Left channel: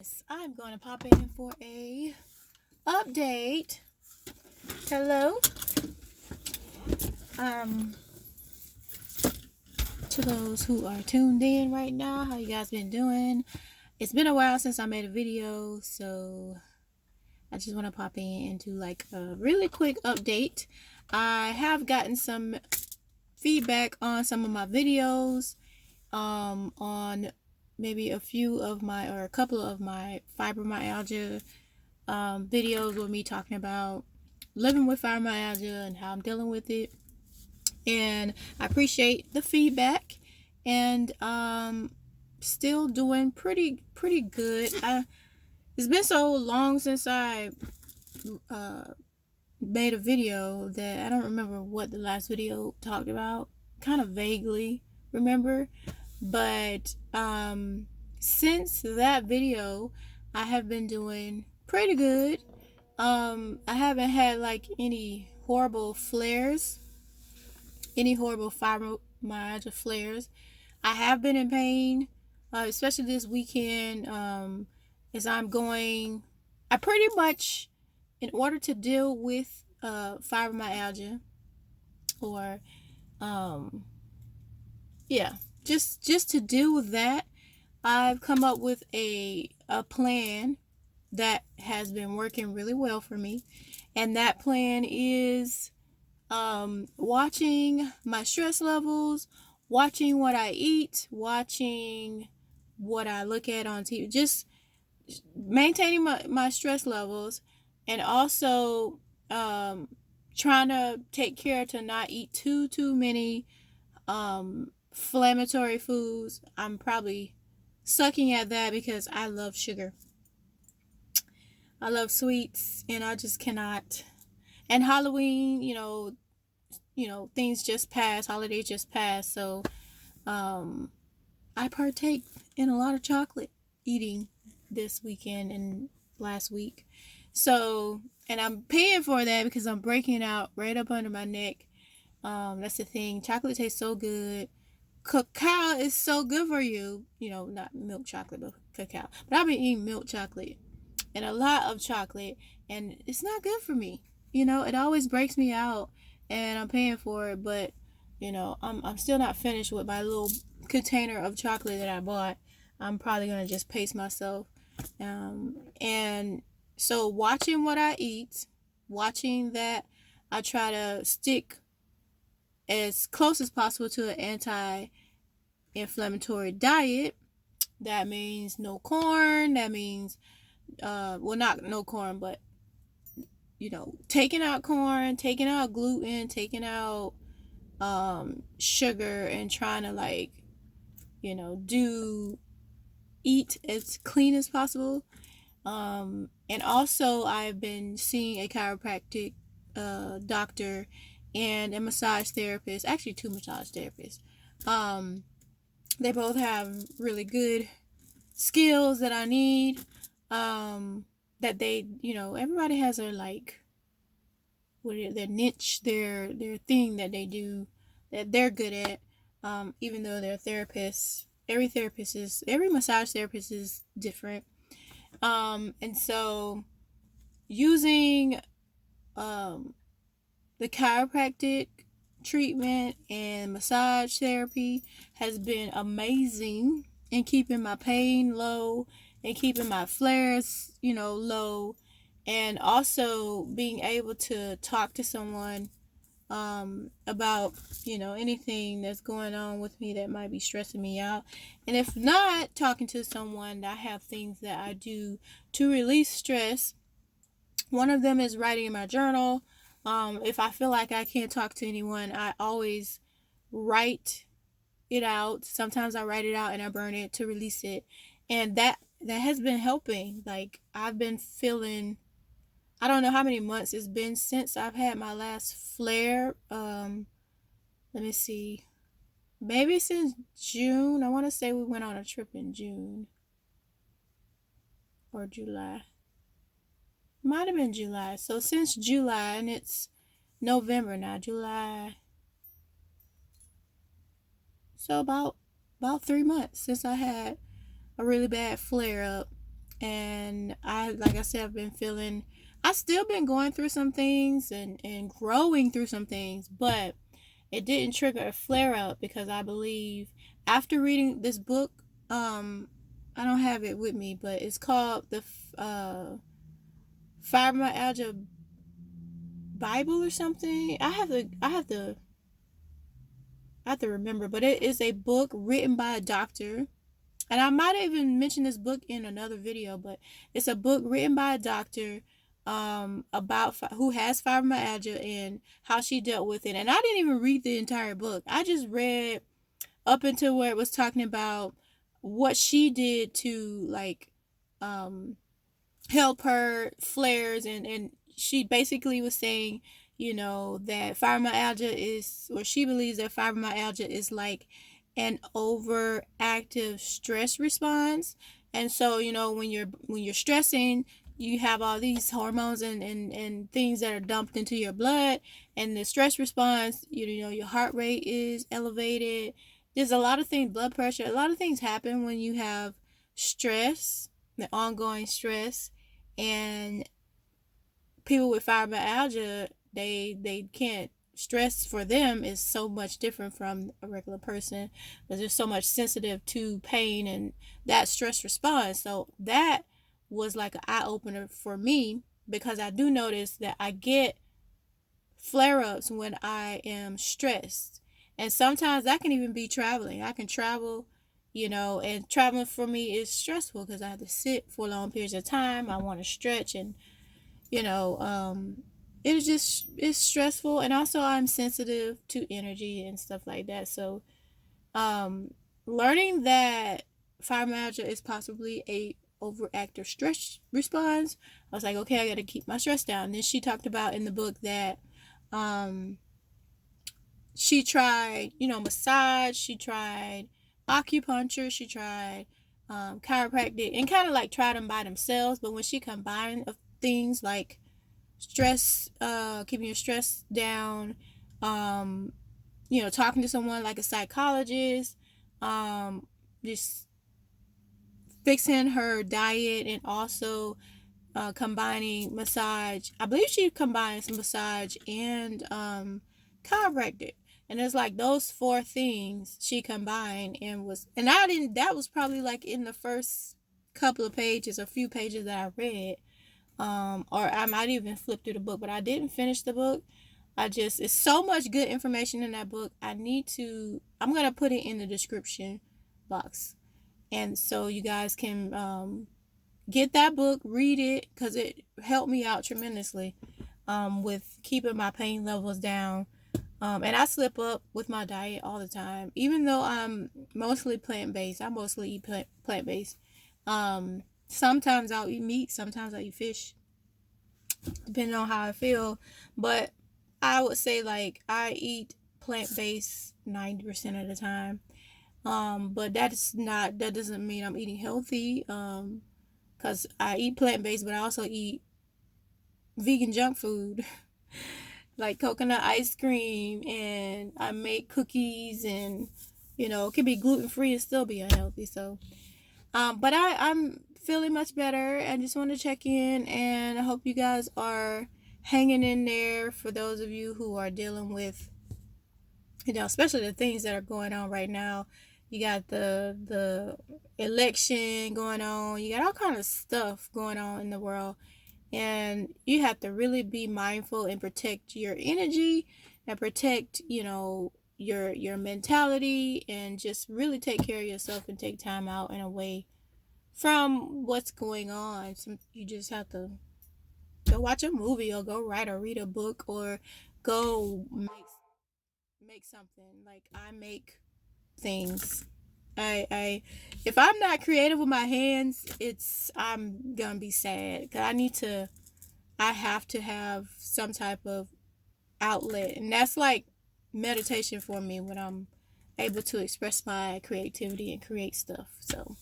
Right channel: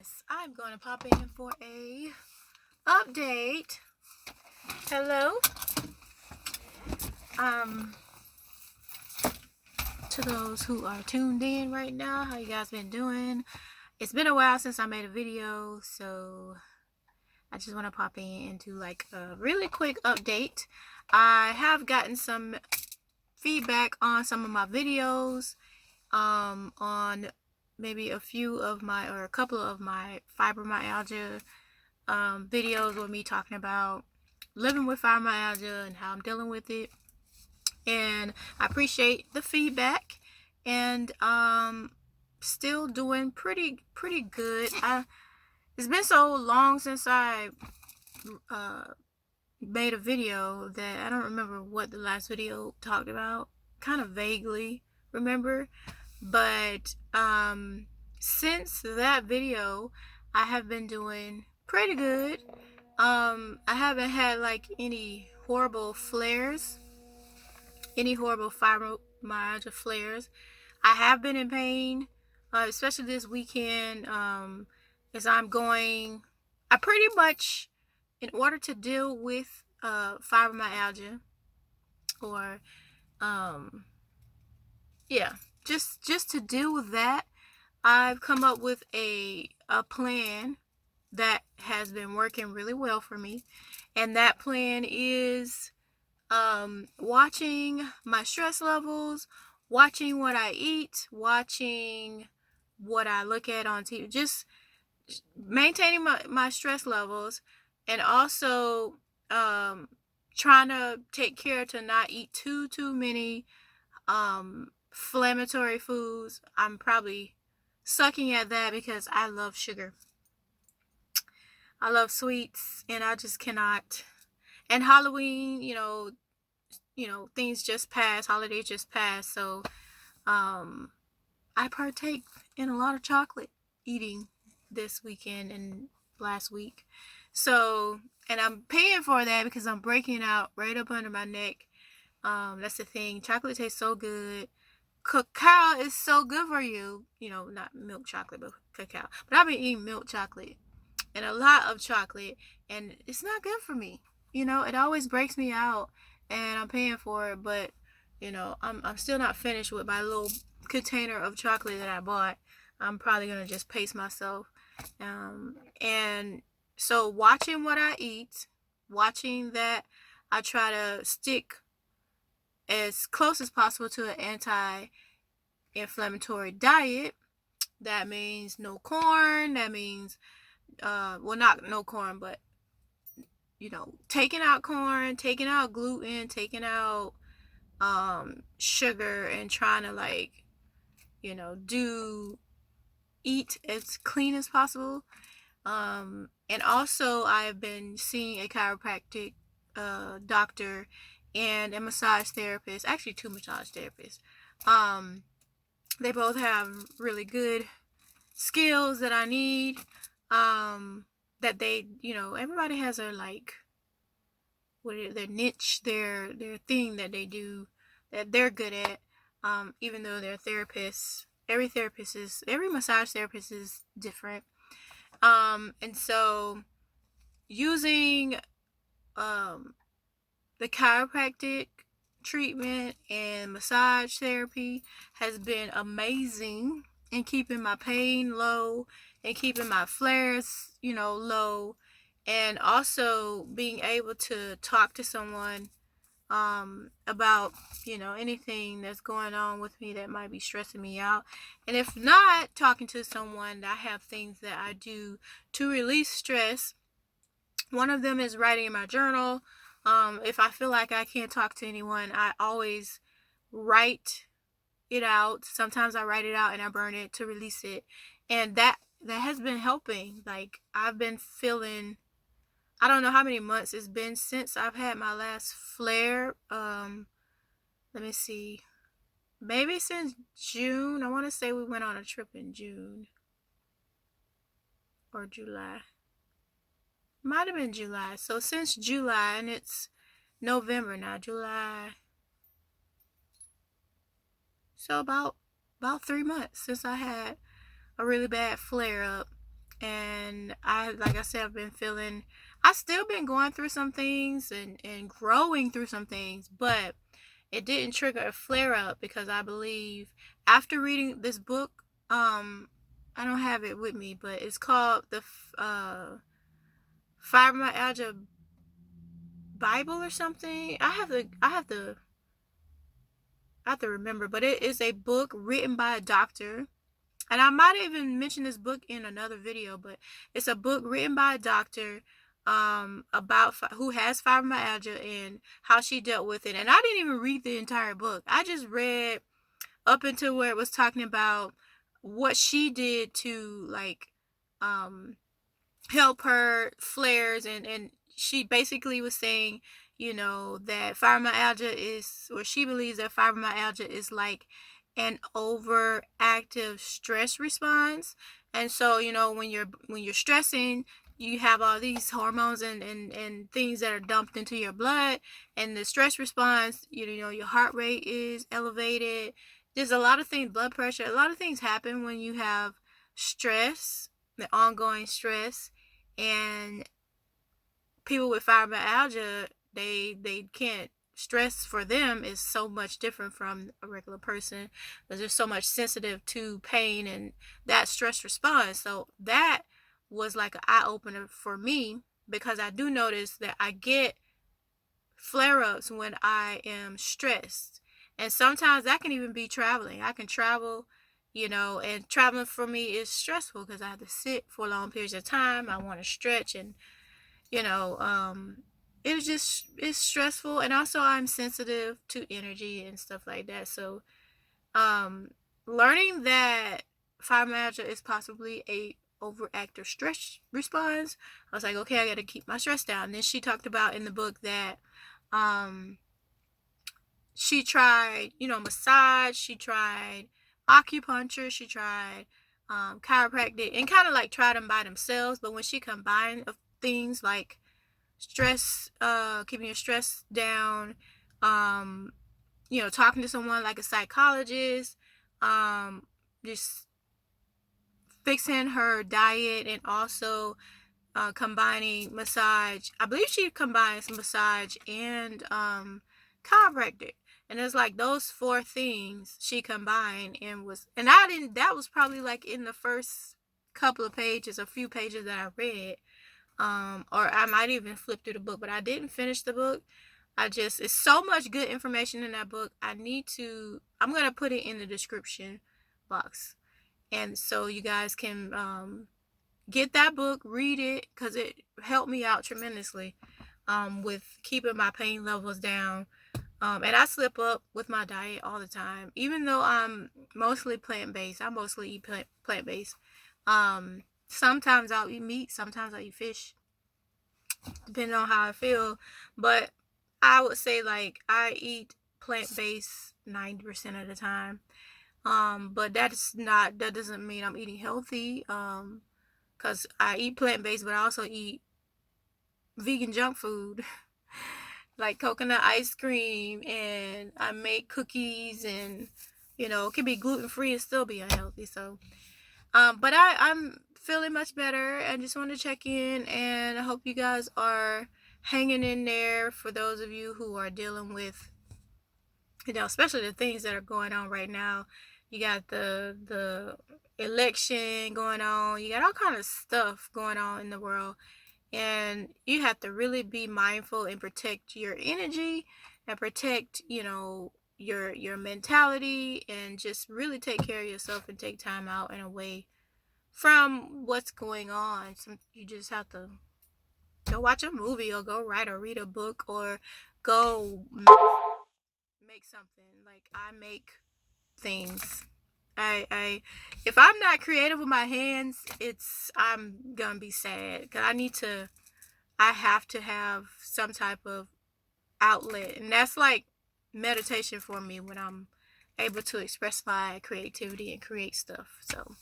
Yes, I'm going to pop in for a update. Hello. Um, to those who are tuned in right now, how you guys been doing? It's been a while since I made a video, so I just want to pop in and do like a really quick update. I have gotten some feedback on some of my videos, on maybe a few of my or a couple of my fibromyalgia videos with me talking about living with fibromyalgia and how I'm dealing with it. And I appreciate the feedback, and still doing pretty good. It's been so long since I uh, made a video that I don't remember what the last video talked about. Kind of vaguely remember, but since that video, I have been doing pretty good. I haven't had like any horrible flares, any horrible fibromyalgia flares. I have been in pain, especially this weekend. As I'm going, I pretty much, in order to deal with fibromyalgia, or um, yeah, just to deal with that, I've come up with a plan that has been working really well for me, and that plan is watching my stress levels, watching what I eat, watching what I look at on TV, just maintaining my stress levels, and also um, trying to take care to not eat too many inflammatory foods. I'm probably sucking at that because I love sugar. I love sweets, and I just cannot. And Halloween, things just passed, holidays just passed, so um, I partake in a lot of chocolate eating this weekend and last week. So, and I'm paying for that because I'm breaking it out right up under my neck. That's the thing. Chocolate tastes so good. Cacao is so good for you. Not milk chocolate, but cacao. But I've been eating milk chocolate and a lot of chocolate, and it's not good for me. It always breaks me out, and I'm paying for it, but I'm still not finished with my little container of chocolate that I bought. I'm probably gonna just pace myself, and so watching what I eat, watching that I try to stick as close as possible to an anti-inflammatory diet. That means no corn. That means well, not no corn, but taking out corn, taking out gluten, taking out sugar, and trying to like do eat as clean as possible. And also I've been seeing a chiropractic doctor and a massage therapist, actually two massage therapists. um they both have really good skills that I need. That they, everybody has their like their niche, their thing that they do that they're good at. Even though they're therapists, every massage therapist is different. And so using um the chiropractic treatment and massage therapy has been amazing in keeping my pain low and keeping my flares, low, and also being able to talk to someone about anything that's going on with me that might be stressing me out. And if not, talking to someone, I have things that I do to release stress. One of them is writing in my journal. If I feel like I can't talk to anyone, I always write it out. Sometimes I write it out and I burn it to release it, and that has been helping. Like, I've been feeling, I don't know how many months it's been since I've had my last flare. Let me see. Maybe since June. I want to say we went on a trip in June or July. Might have been July. So since July, and it's November now. July. So about 3 months since I had a really bad flare up. And like I said, I still been going through some things and growing through some things, but it didn't trigger a flare up because I believe after reading this book, I don't have it with me, but it's called the Fibromyalgia Bible or something. I have to remember, but it is a book written by a doctor. And I might even mention this book in another video, but it's a book written by a doctor about who has fibromyalgia and how she dealt with it. And I didn't even read the entire book. I just read up until where it was talking about what she did to like um help her flares, and she basically was saying, that fibromyalgia is, or she believes that fibromyalgia is like an overactive stress response. And so, when you're stressing, you have all these hormones and things that are dumped into your blood, and the stress response, your heart rate is elevated. There's a lot of things, blood pressure, a lot of things happen when you have stress, the ongoing stress. And people with fibromyalgia, they can't, stress for them is so much different from a regular person because they're so much sensitive to pain and that stress response. So that was like an eye-opener for me, because I do notice that I get flare-ups when I am stressed. And sometimes that can even be traveling. I can travel, and traveling for me is stressful because I have to sit for long periods of time. I want to stretch, and you know, it's stressful. And also I'm sensitive to energy and stuff like that. So um learning that fibromyalgia is possibly a overactive stress response, I was like, okay, I got to keep my stress down. And then she talked about in the book that um she tried, massage, she tried acupuncture, she tried chiropractic, and kind of like tried them by themselves. But when she combined of things like stress, keeping your stress down, um, talking to someone like a psychologist, just fixing her diet, and also combining massage. I believe she combines massage and chiropractic. And it's like those four things she combined, and I didn't, that was probably like in the first couple of pages, a few pages that I read. Or I might even flip through the book, but I didn't finish the book. It's so much good information in that book. I'm going to put it in the description box. And so you guys can get that book, read it, because it helped me out tremendously with keeping my pain levels down. And I slip up with my diet all the time, even though I'm mostly plant-based. I mostly eat plant-based. Sometimes I'll eat meat, sometimes I'll eat fish, depending on how I feel. But I would say like I eat plant-based 90% of the time. But that doesn't mean I'm eating healthy. Cause I eat plant-based, but I also eat vegan junk food, like coconut ice cream, and I make cookies, and it can be gluten-free and still be unhealthy. So, but I'm feeling much better. I just want to check in, and I hope you guys are hanging in there. For those of you who are dealing with, especially the things that are going on right now. You got the election going on. You got all kind of stuff going on in the world. And you have to really be mindful and protect your energy and protect, your mentality, and just really take care of yourself and take time out and away from what's going on. So you just have to go watch a movie, or go write or read a book, or go make something. Like I make things. I if I'm not creative with my hands, I'm gonna be sad, because I have to have some type of outlet, and that's like meditation for me, when I'm able to express my creativity and create stuff. So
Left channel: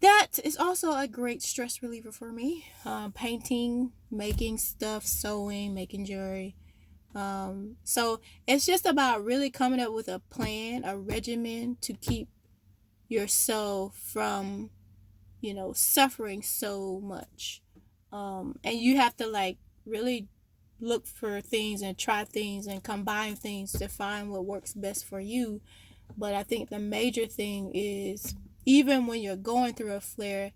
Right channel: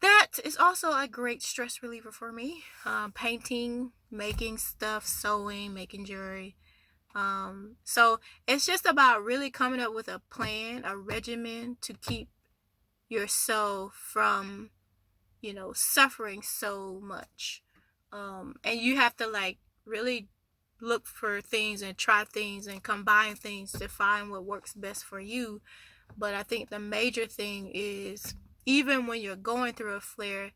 that is also a great stress reliever for me. Painting, making stuff, sewing, making jewelry. So it's just about really coming up with a plan, a regimen to keep yourself from, suffering so much. And you have to like really look for things and try things and combine things to find what works best for you. But I think the major thing is, even when you're going through a flare,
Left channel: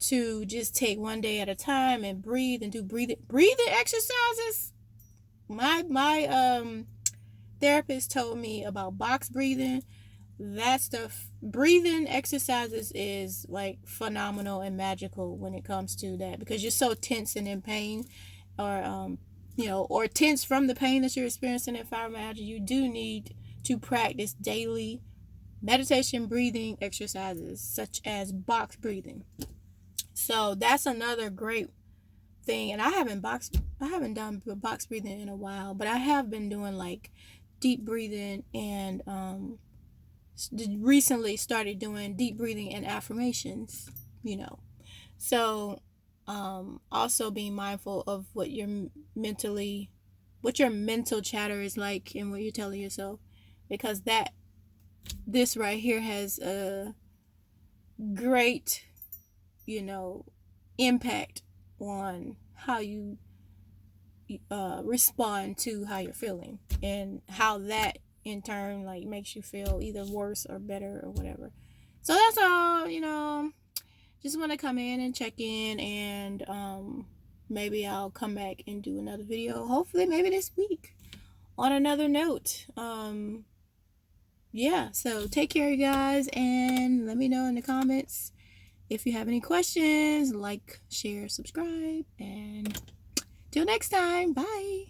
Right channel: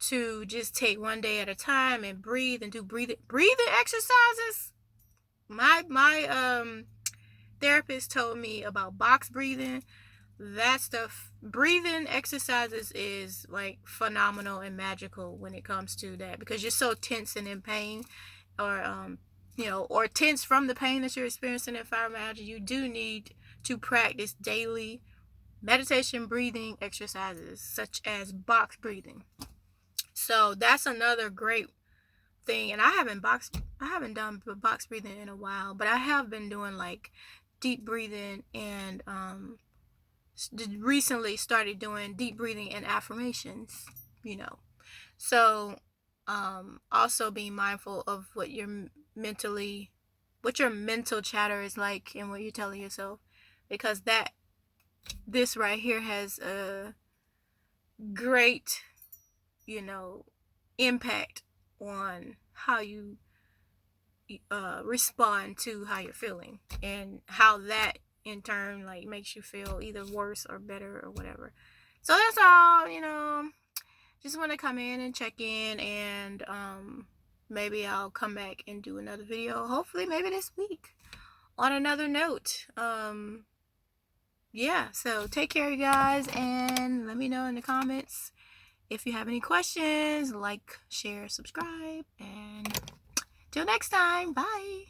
to just take one day at a time and breathe and do breathing exercises. My therapist told me about box breathing. That stuff, breathing exercises, is like phenomenal and magical when it comes to that, because you're so tense and in pain, or or tense from the pain that you're experiencing in fibromyalgia. You do need to practice daily meditation breathing exercises such as box breathing. So that's another great thing. And I haven't done box breathing in a while, but I have been doing like deep breathing, and recently started doing deep breathing and affirmations. So also being mindful of what your mental chatter is like and what you're telling yourself, because this right here has a great impact on how you respond to how you're feeling, and how that in turn like makes you feel either worse or better or whatever. So that's all. Just want to come in and check in, and maybe I'll come back and do another video, hopefully maybe this week, on another note. Yeah, so take care, you guys, and let me know in the comments if you have any questions. Like, share, subscribe, and till next time, bye.